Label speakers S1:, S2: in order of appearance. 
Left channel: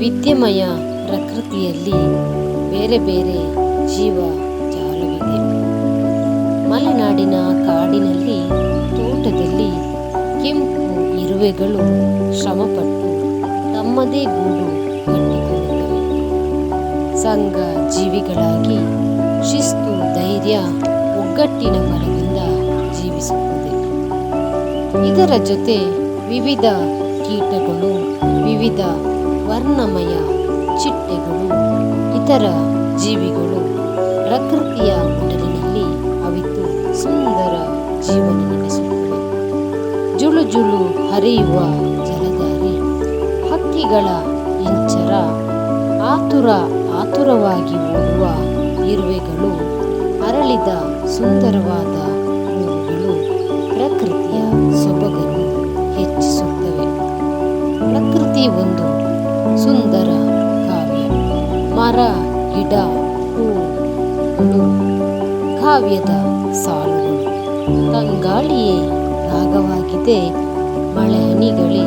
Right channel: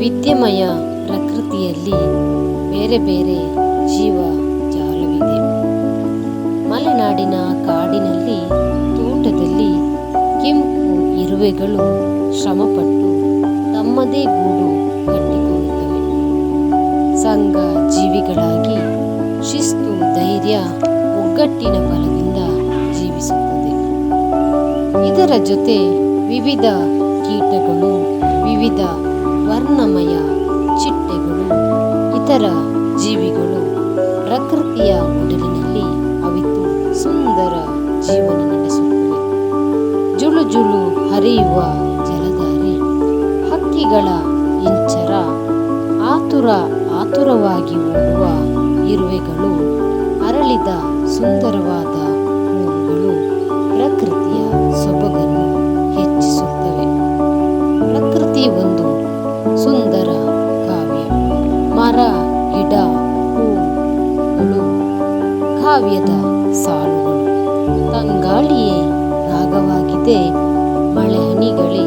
S1: ವೈವಿಧ್ಯಮಯ ಪ್ರಕೃತಿಯಲ್ಲಿ ಬೇರೆ ಬೇರೆ ಜೀವ ಜಾಲವಿದೆ. ಮಲೆನಾಡಿನ ಕಾಡಿನಲ್ಲಿ, ತೋಟದಲ್ಲಿ ಕೆಂಪು ಇರುವೆಗಳು ಶ್ರಮಪಟ್ಟು ತಮ್ಮದೇ ಗೂಡು ಕಟ್ಟಿಕೊಳ್ಳುತ್ತವೆ. ಸಂಘ ಜೀವಿಗಳಾಗಿ ಶಿಸ್ತು, ಧೈರ್ಯ, ಒಗ್ಗಟ್ಟಿನ ಬಲದಿಂದ ಜೀವಿಸುತ್ತದೆ. ಇದರ ಜೊತೆ ವಿವಿಧ ಕೀಟಗಳು, ವಿವಿಧ ವರ್ಣಮಯ ಚಿಟ್ಟೆಗಳು, ಇತರ ಜೀವಿಗಳು ಪ್ರಕೃತಿಯ ಮೊದಲಿನಲ್ಲಿ ಅವಿತು ಸುಂದರ ಜೀವನ ನಡೆಸುತ್ತವೆ. ಜುಳು ಜುಳು ಹರಿಯುವ ಜಲಧಾರೆ, ಹಕ್ಕಿಗಳ ಇಂಚರ, ಆತುರ ಆತುರವಾಗಿ ಓಡುವ ಇರುವೆಗಳು, ಅರಳಿದ ಸುಂದರವಾದ ಹೂವುಗಳು ಪ್ರಕೃತಿಯ ಸೊಬಗನ್ನು ಹೆಚ್ಚಿಸುತ್ತವೆ. ಪ್ರಕೃತಿ ಒಂದು ಸುಂದರ ಕಾವ್ಯ. ಮರ ಗಿಡ ಹೂಗಳು ಕಾವ್ಯದ ಸಾಲುಗಳು. ತಂಗಾಳಿಯೇ ರಾಗವಾಗಿದೆ ಮಳೆ ಹನಿಗಳೇ